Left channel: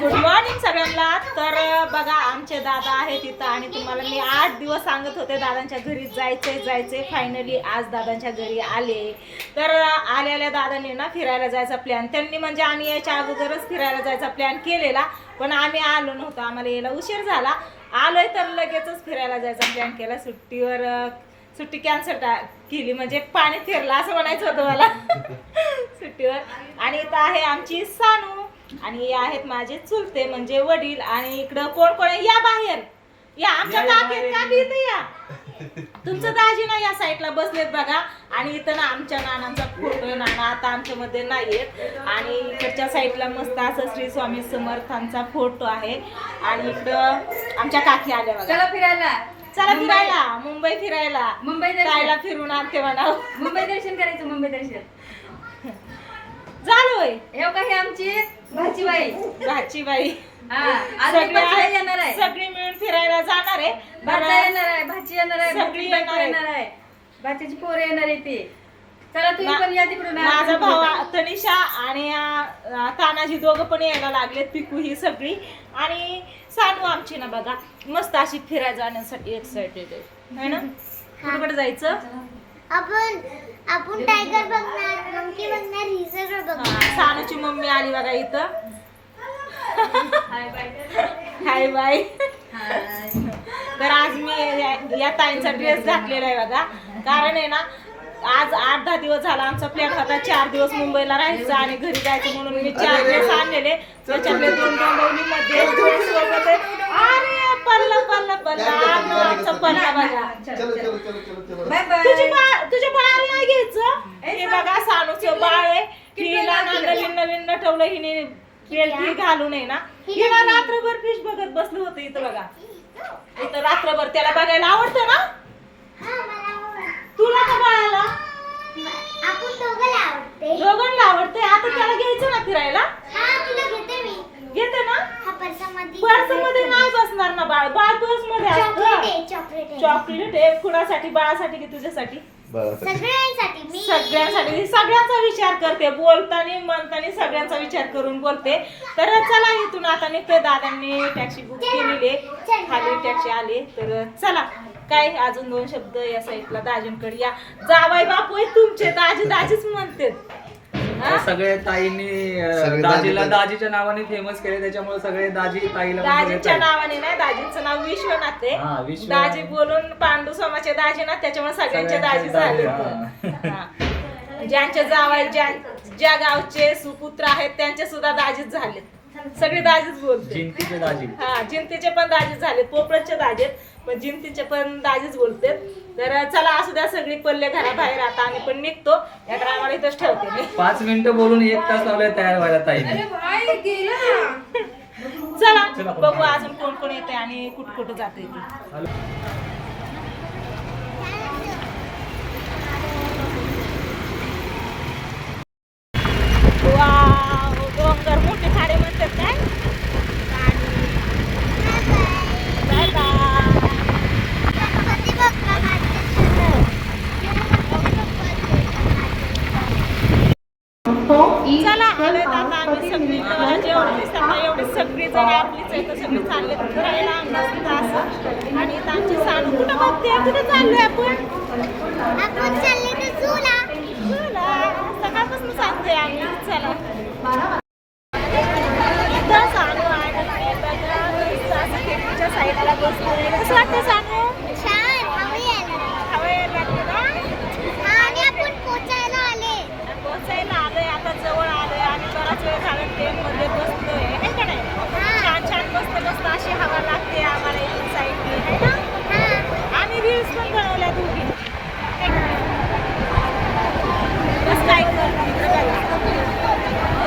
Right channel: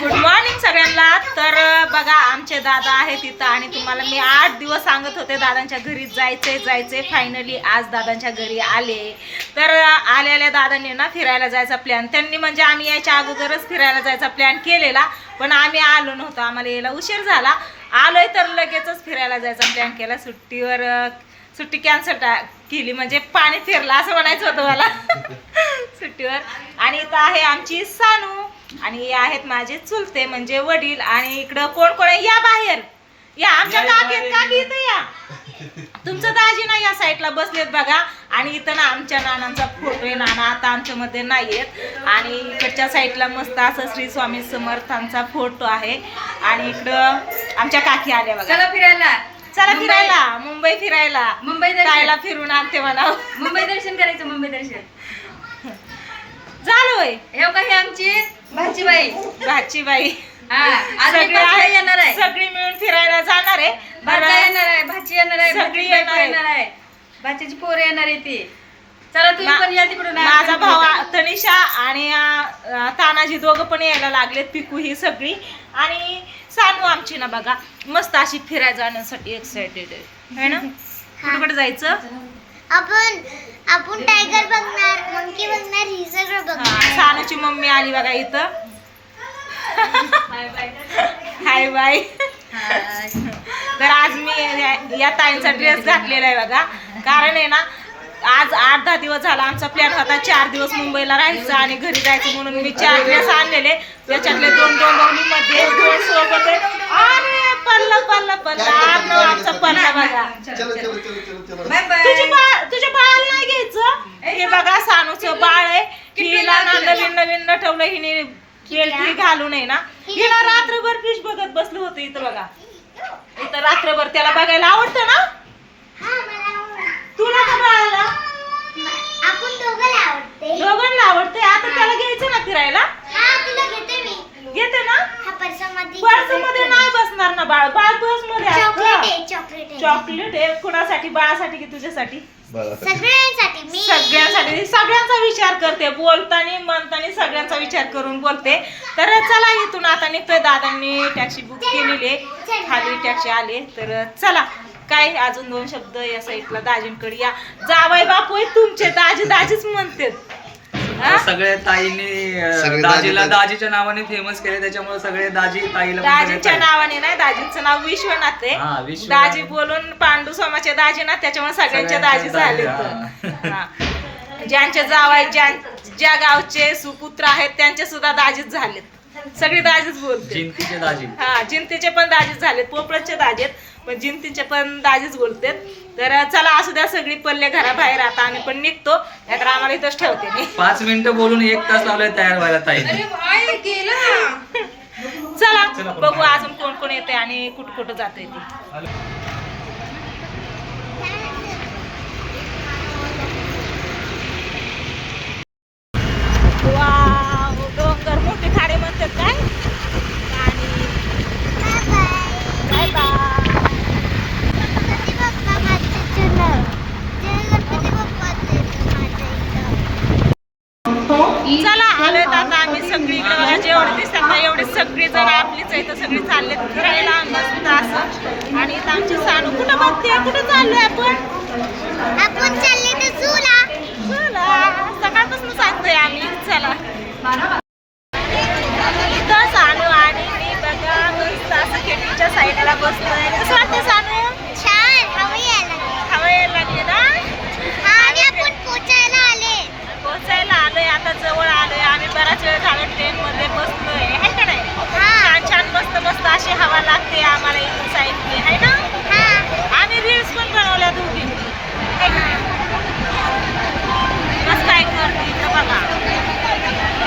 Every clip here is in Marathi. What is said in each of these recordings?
गुड मॉर्निंग सगळ्यांना. तर बघा आमचे दादा आहेत इथं आणि तुम्हाला मी 8 दिवस सांगत होते दादांच्या घरी जायचे. फायनली आज दादांच्या घरी आले. तर आलेल्या दादांनी ना फिरायला जायचा प्लॅन, त्यांनी म्हणजे आम्ही यायच्या अगोदरच फिरायला जायचा प्लॅन केलेला, पण आम्ही आलो नव्हतो, आम्हाला यायला उशीर झाला. आलोय तर लगेचच फिरायला जायचा प्लॅन केला. सुट्टी कॅन्सल केली, म्हणजे पाणी फिरला असं म्हणायचं होतं मला सुट्टीवर. आणि इथं आहे आमची सानू आणि हे आहेत माझे चुलते म्हणजे वडील. आणि इकडं कोण कोण आहे या बाहेर या, आमच्या काकी इथं या. तुमचं दाजी ना या साईडला बसलेत बघा. आणि इथं ना आमच्या नानांचा फोटो आहे. नाना आता आमच्या मध्ये नाहीयेत. आणि इकडच्या साईडला मस्त असं श्री स्वामी समर्थांचा फोटो आहे. आणि इकडं आमच्या काकी आल्या बघा. चला फिरायला मुंबई फिरायला जायला फिरून आणते मला. मुंबई दर्शन करायचं. मुंबई दर्शन झालं हे काही आमची भाचीबाई येणार आहे. सगळी मिळून फिरायला जाणार आहे. भाचा येणार आहे, भाची येणार आहे, सगळी येणार आहे, भाच्याची पोरं येणार आहे ती. चला तुम्ही पण या तिकडून. माझा भाऊ तनिषा आणि तानाजी दोघं पण यायला लागलेत. पिकू ही सगळी आणि सानू आमची ना बघा मस्त अशी फिरायला जाण्यासाठी एक्साइटेड आहे ना. कुठे जायचं आपण टायगर बघणार, मंकी बघणार, ही सगळं बघणार. सानूची मम्मी आली बघा इथं. Hi bye. तर आज मी या ताईंचा ड्रेस घातलेला आहे बघा. कारण आहे ना आज 8-10 दिवस झाला आमचा प्लॅन होता 4 दिवस मुंबईला राहायचं आणि घरी जायचं, म्हणून मी 4 ड्रेस आणलेले. त्याच्यातले 2 डोंबिवलीमध्ये 2 सोबत आहे. अरे पल्ला आमचा पल्ला बघा. तुझ्या बाळाला नाही घ्यायचं. हे बघा सानूचं बाळ आहे. हिला ना नवीन नटवलं हिने केळी घालू नये ना. हिला रात्रभर फिश बघत बसलं होतं इथं बघा. इथं रात्रभर त्याला बघायला आवडतं ना. तुला का बाळाला? आपण दोघांना आवडते. आता त्याला घ्यायचं ना फिरायला. तुला घेते मी. घेते ना. पर्समध्ये नाही बसणार ना बाळ बस मध्ये. चॉकलेट आहे. कुणासाठी? बाळासाठी की तुझ्यासाठी? सगळ्यांसाठी. सगळ्यांचा विचार करते, बोलताना म्हणताना सगळ्यांचा विचार करून बोलते. तर चला इथून आता निघतोय. दादांनी टॅक्सी बुक केलेली, खाली टॅक्सी आली. तर चला काय अजून 2 शब्द या साईडला दाजींकडे या. जावाई बापू आहे तुमचे, दाजीच म्हणते. सगळे ताईंनी दाजीला दाजीच्या नावाने फेमस केले, त्याच्यामुळे सगळे दाजी ताईला दाजीच्या नावाने नाही, दाजींचं नाव विश्वनाथ आहे. दाजी बोलून पांडू स्वामाचे दाजी ना, त्याच्यामुळे सगळ्यांचे दाजी झाले. ज्यांचे जावाई ज्या गावचे सुपुत्र आहेत त्यांचे सुद्धा दाजीच झालेत. सगळे दाजीच बोलते. जिंतीचे दाजी. जिंतीचे पण दाजीच झालेत. पोपळचे दाजी आहेत पण जिंतीचे पण दाजीच बोलते. तर चला असू द्या, सगळी पल्ले घराबाहेर. आता आम्ही पण निघतो, नाहीतर आम्हाला इथंच ठेवते मी. 5 मिनिटं बोलून 1 तास लावलाय तयार व्हायला ताईने. चला बघू अजून कोण कोण येते आणि कुठं जाते ती. वाव, डोंगर मोठे खाडे म्हणतात काय. चला आलोय आता आम्ही सगळी. जेवढे दिसतात ना एवढे सगळे जण आपलीच आहे. तर सगळे चालले फिरायला मस्त असं. आणि इथं आमची सानू कुठं बघते. कुठं चाललोय आपण चालले तर झूला. सकाळपासून सांगतोय आम्ही. चला इथं सानू आणि मी बघा मस्त असं खिडकीच्या साईडला बसलोय. कसं वाटतं सानू? छान. हवा यायला लागली ना. आणि आपण पोचायला आलोय. आता जवळ आलोय आम्ही. बराच वेळ झाला ट्रेन मध्ये बसलोय, आहे का नाही. छान मस्त अशी हवा लागते आम्हाला इथून साईडने, आहे ना. आम्ही रील्स पण बनवल्या दोघींनी, आहे का नाही. बस काय करते इकडे बघा,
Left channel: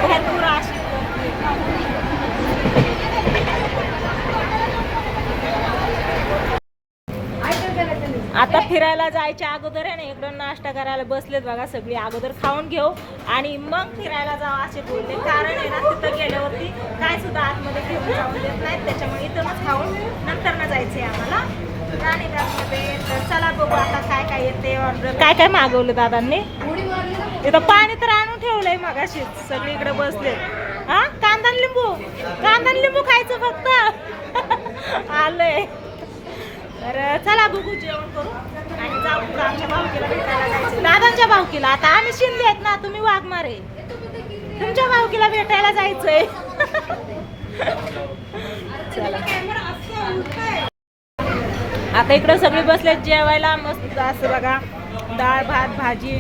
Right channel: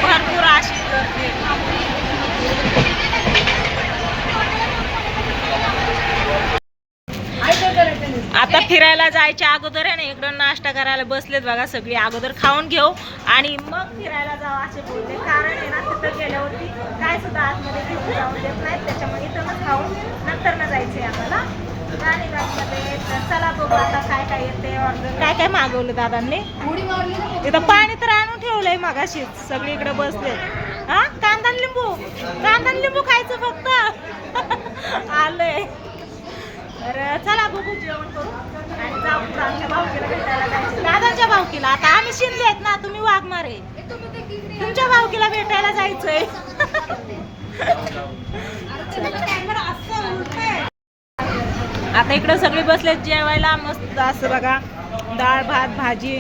भरपूर अशी करते. आता फिरायला जायच्या अगोदर आहे ना इकडं नाश्ता करायला बसलेत बघा सगळी. अगोदर खाऊन घेऊ आणि मग फिरायला जाऊ असे बोलले. कारण आहे ना तिथं गेल्यावरती काय सुद्धा आतमध्ये घेऊन जाऊन देत नाहीत, त्याच्यामुळे इथूनच खाऊन नंतर ना जायचंय आम्हाला राणीबागमध्ये. तर चला बघू आता काय काय येते. ऑर्डर काय मागवलं दादांनी. इथं पाणी तर आणून ठेवलंय मगाशीच. सगळीकडे बसलेत. हा कांदा लिंबू कांदा आणि लिंबू खायचं फक्त आलंय. तर चला बघू जेवण करू आणि जाऊ पुढं आमच्या भावकीला भेटायला जायचं. दादांच्या भावकीला, आता आम्ही शिंदे आहेत ना, तुम्ही वाघमारे, तुमच्या भावकीला भेटायला जायचंय. आता इकडं सगळे बसलेत जेवायला. मस्त असं बघा, डाळ भात भाजी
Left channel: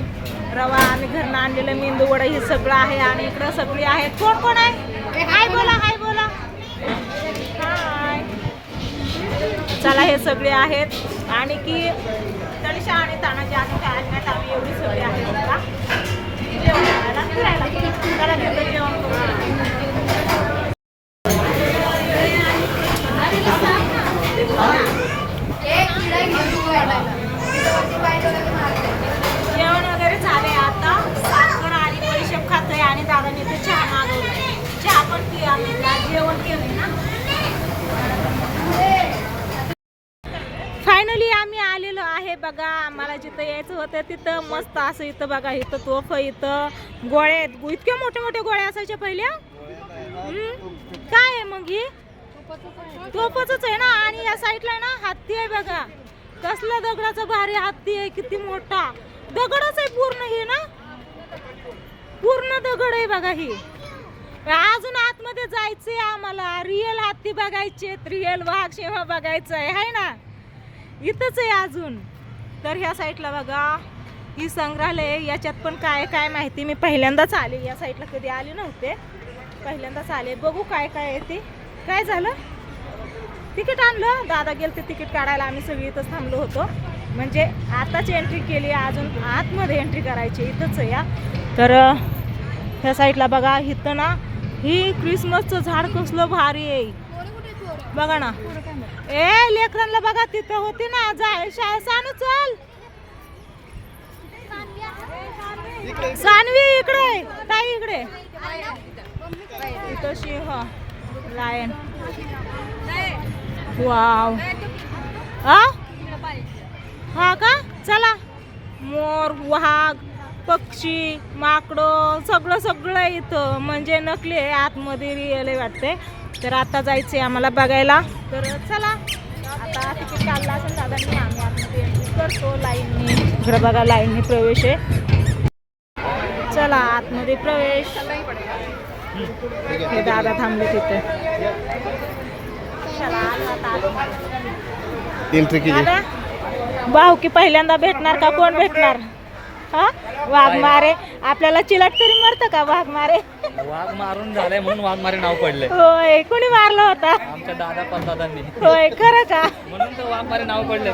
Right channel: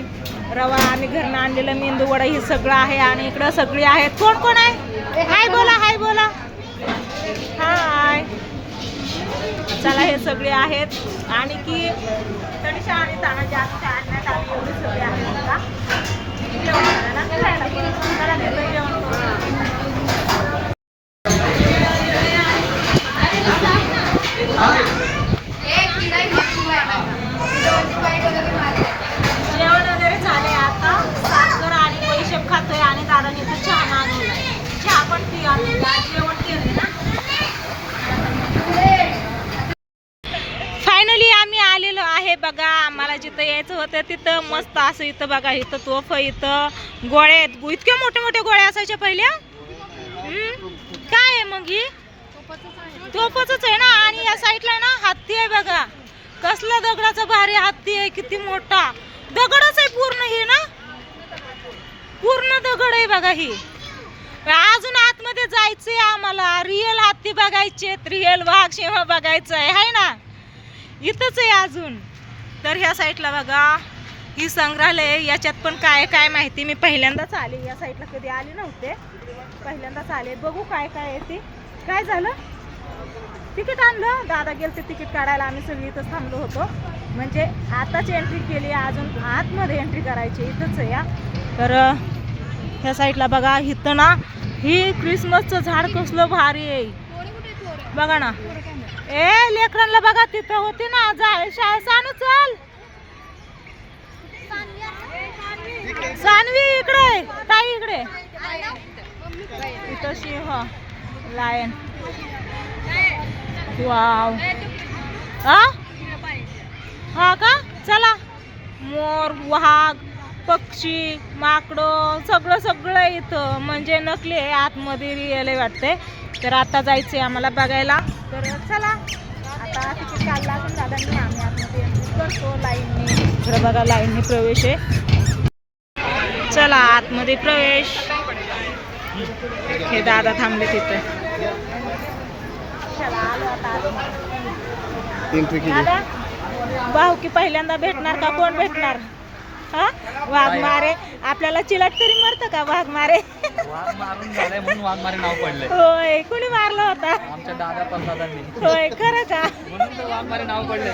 रवा, आम्ही घरनं आणलेलं मेंदू वडा, हे सगळं आहे. आणि इकडं सगळी आहेत. कोण कोण आहे? हाय बोला, हाय बोला, हाय. चला हे सगळे आहेत. आणि की तनिषा आणि तानाजी अजून काय आले नाहीत. आम्ही एवढी सगळे आहेत बघा जेवण करायला फिरायला. चला घेतो जेवण करू. जेवण वगैरे झालंय. आता साखर आणि पैशेप खातोय आणि दादाने तर चहा मागवला. चहा पण पी आणि जेवण केलंय ना. फायनली आम्ही आलेलो आहे बघा. आम्हाला जिथं यायचं होतं तिथं मस्त असं इथं बघा, इथं तोफ, इथं गोळ्या आहेत. इतक्या मोठ्या मोठ्या गोळ्या असायच्या पहिल्या. काय आहे मग ही? तोफच आहे ना. आणि या साईडला ना हत्ती आहे बघा. कसला दगडाचा भारी हत्ती आहे, किती मोठा दगडच आहे पूर्ण. ही ना पूर्ण दगड आहे बघा. ही अजून आतमध्ये जायचंय आम्हाला. रिअल हत्ती बघायचे, रिअल वाघ सिंह बघायचं आहे, हाय ना. इथंच आहे अजून. तर ह्या साईडला बघा ही संग्रहालय. याच्यात पण काय काय माहिती. मी पहिल्यांदाच आले या साईडला, कधी आले नव्हते, पहिल्यांदाच आले. बघू काय काय आहे ते. काय झालं? तिकीट आणलं. दादा गेलं ते तिकीट काढायला. आम्ही सगळी इथंच थांबलो होतो. म्हणजे आताच एंट्री केली, अजून आतमध्ये एंट्री करायची. इथंच आहे या. तर ह्या साईडला बघा, इथं ना ही क्रिसमसचं झाड कसलं भारी आहे बघा ना. ए लेकरांना बघा, तिथं होती ना शाळा. सानू चल, सानवी इकडे, ताई इकडे. इथं सिंह, लायन. वाव. हा का? चला. मोर, वाघ, पक्षी, माकडं, सगळं सगळं इथं. म्हणजे नकली आहे, आतमध्ये रिअल आहे वाटते. तर आता जायचंय आम्हाला बघायला. तर चला, आता तिकीट काढला असेल दादांनी. आम्ही आतमध्ये एंट्री करतो लाईनने. इकडं बघा लाईनने प्रवेश आहे. चला आतमध्ये प्रवेश. हे दादा थांबले तिथे. चला आलो आता आतमध्ये. भाऊ की पहिल्यांदा भेटणार का कोण भेटणार? हा वाघमारे. आपल्याला चिलट तरी मरतं का वाघमारे? वाघ मारून झालंय म्हणून वाघमारे नाव पडलंय. होय, कोणी मारलं होता? आमच्या दादा परदादांनी. होय, खरं का? म्हणून तर वाघमारे नाव पडलंय.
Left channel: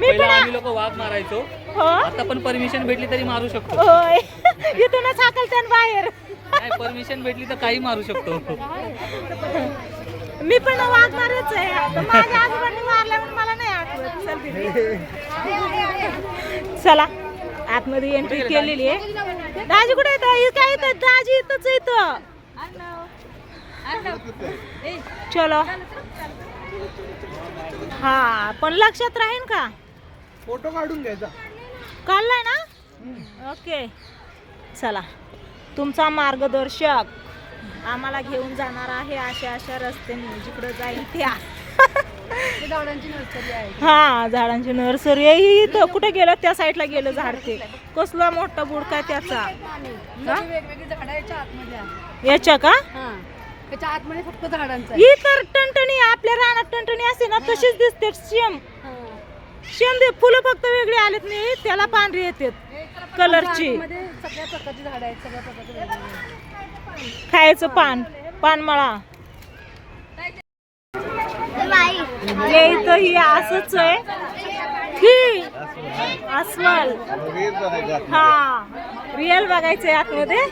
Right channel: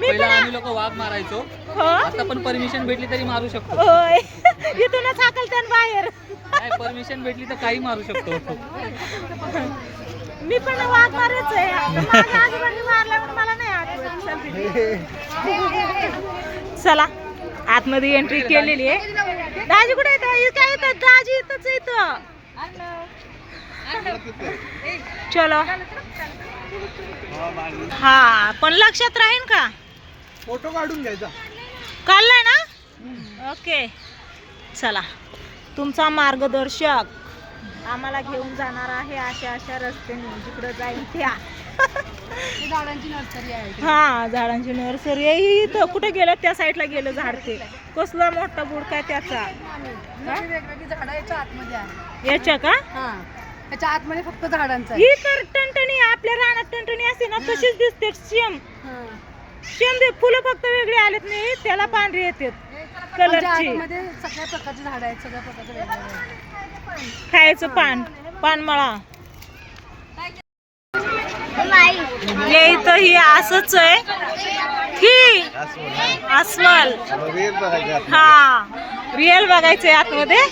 पहिला आम्ही लोक वाघ मारायचो. हो, आता पण परमिशन भेटली तरी मारू शकतो. होय. इथूनच हाकलते बाहेर. नाही, परमिशन भेटली तर काही मारू शकतो. मी पण वाघ मारायच आहे. आता माझ्या आजोबांनी मारल्यावर मला नाही आठवत. चला आतमध्ये एंट्री केलेली आहे. दाजी कुठे येत? काय येतात दाजी? इथंच इथं. चलो. हा पण लक्षात राहील का? फोटो काढून घ्यायचा. काढलाय ना? ओके. चला, तुमचा मार्गदर्शक आम्हाला घेऊन जाणार आहे अशा अशा रस्त्याने, जिकडं जाईल त्या. हा झाडांची नर्सरी आहे इथं. कुठे गेलं? त्या साईडला गेलं झाड. ते कसला मोठा बुडका आहे त्याचा. याच्या का? त्याच्या आतमध्ये फक्त झाडांचा. ही तर टणटणी आपल्या रानात टणटणी असते ना तशीच दिसते. सेम सेम फुलं फक्त वेगळी आलेत नाही, त्याला पांढरी येतात कलरची. सगळ्या प्रकारची झाड आहेत, सगळ्या प्रकारचे. खायचं पान, पानमळा. हे इथं ही असंच आहे की अस्वल. हा रिअल बघायचंय आतमध्ये.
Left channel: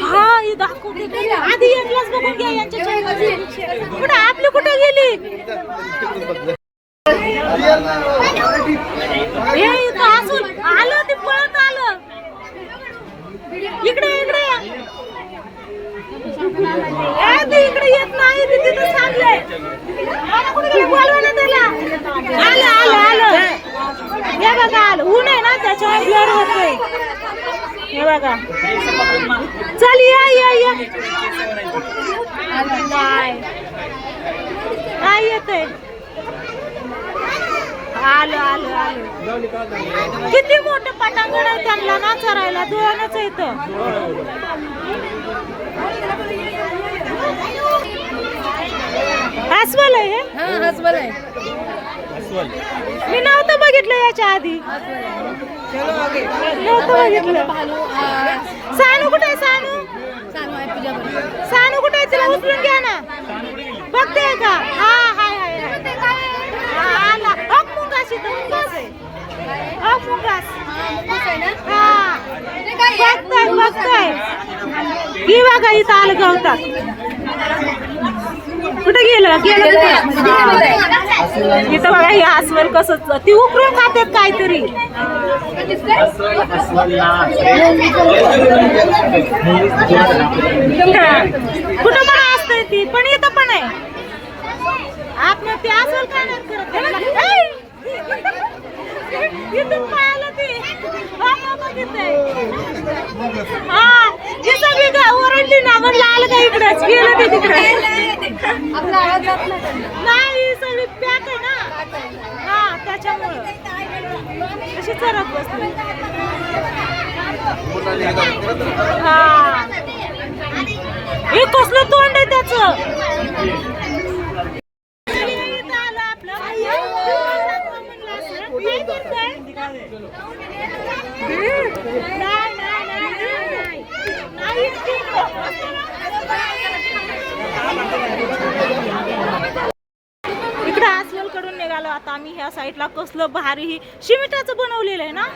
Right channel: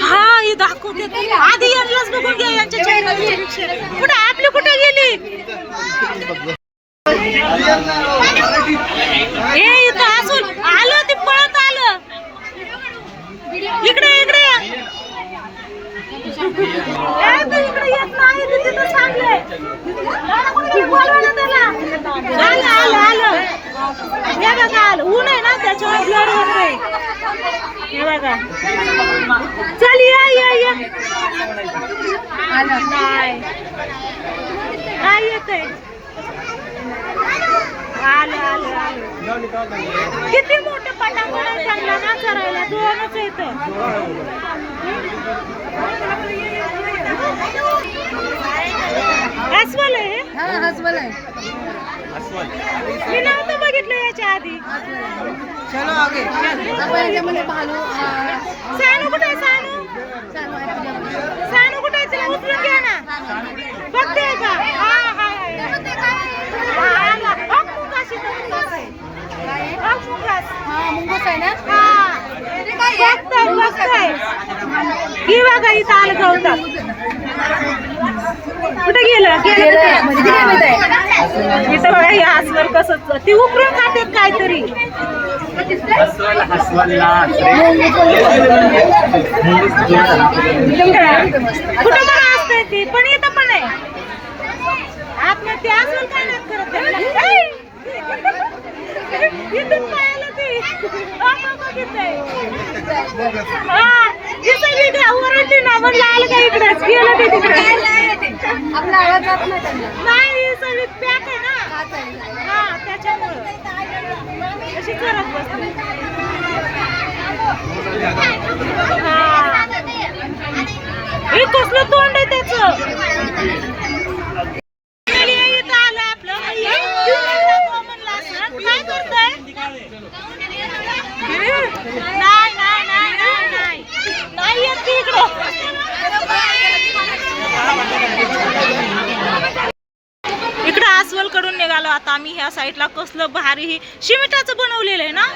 हा ही दाखवते आधी. यांनाच बघून घ्या यांच्या चेहऱ्याची. कुठे आपली कुठे गेली? हे इथं अस्वल आलं, ते पळत आलं. इकडे इकडे इकडे येत नाही. तिथं सांगलंय बोलवा ना त्याला. आलं. हे बघा आलं. ऊन आहे ना त्याच्यामुळे ब्लर होतोय. हे बघा. चल या या या नाही नाही येत आहे. आलं आलं आलं. किती मोठे पटांगण आहे त्यांना ना चरायला, दोनच येत. अस्वल आहे हे? हसबल आहे. मी नव्हतं बघितलं याच्या आधी. सानू कुठे आहे? सानू सानू कुठे आहे? तिला उचलून घ्या ना. बघते का? हा हाय हाय आला. मुंगास इथं मुंगास आहे. मुंगास मुंगूस आहे ना. हा बघताय बघताय. ही बघा इथं आलं गवतात. कुठे गेलं गेलं इथं बघा. हे अस्वल कसं ती उकळून खातात काहीतरी. कुठं पण असतंय ती, पण इथं पण आहे. आपण ते अस्वल काय नाही करत. इथून पायाला ती बघितलंय. हा ही सगळी ओरडली ना, म्हणलं आलं का इकडेच, गेलं ते तिकडे. नाही सगळी पॅक आहे ना. हा त्याच्यामुळं अशी चरत बसली. हा हे कसलं तोंड आहे त्याचं. इथं आलं आपलं. काय करताय? नाही नाही नाही नाही नाही नाही येत इकडं. इकडं अस्वल कडून निघालो आता आम्ही. ह्या साईडला कसलं भारी ही शिमिटाचं बनवलेलं आहे ना.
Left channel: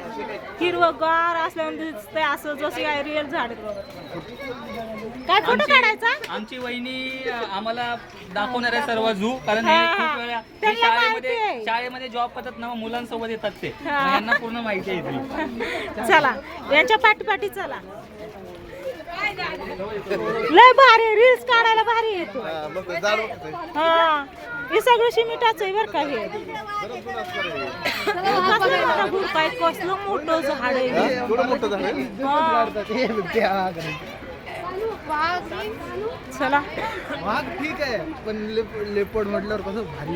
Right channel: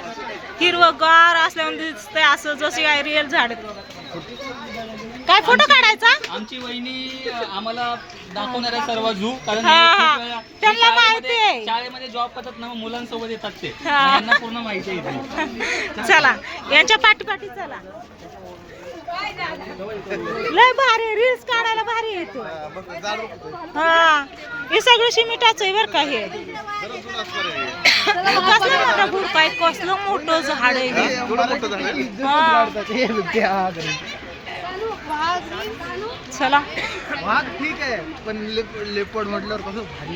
हिरवगार असल्यावर दिसतंय असं जसे काय रिअल झाड. काय फोटो काढायचा? आमची वहिनी आम्हाला दाखवणार आहे सर्व झू, कारण हा, हे हा. खूप वेळा त्यांना माहिती आहे. शाळेमध्ये जॉब करतात ना, मुलांसोबत येतात ते, हा. त्यांना पूर्ण माहिती आहे इथे. चला यांच्या पाठीपाठी चला. लय भारी रील्स काढायला भारी येते. हा हे सगळं शिमिटाचं आहे बरं का. हे कसलं मोठं भुरकं आहे, कसलं मोठं झाड आहे हे. हा चला ठीक आहे, पण लेपर्ड म्हटल्यावर कसं भारी.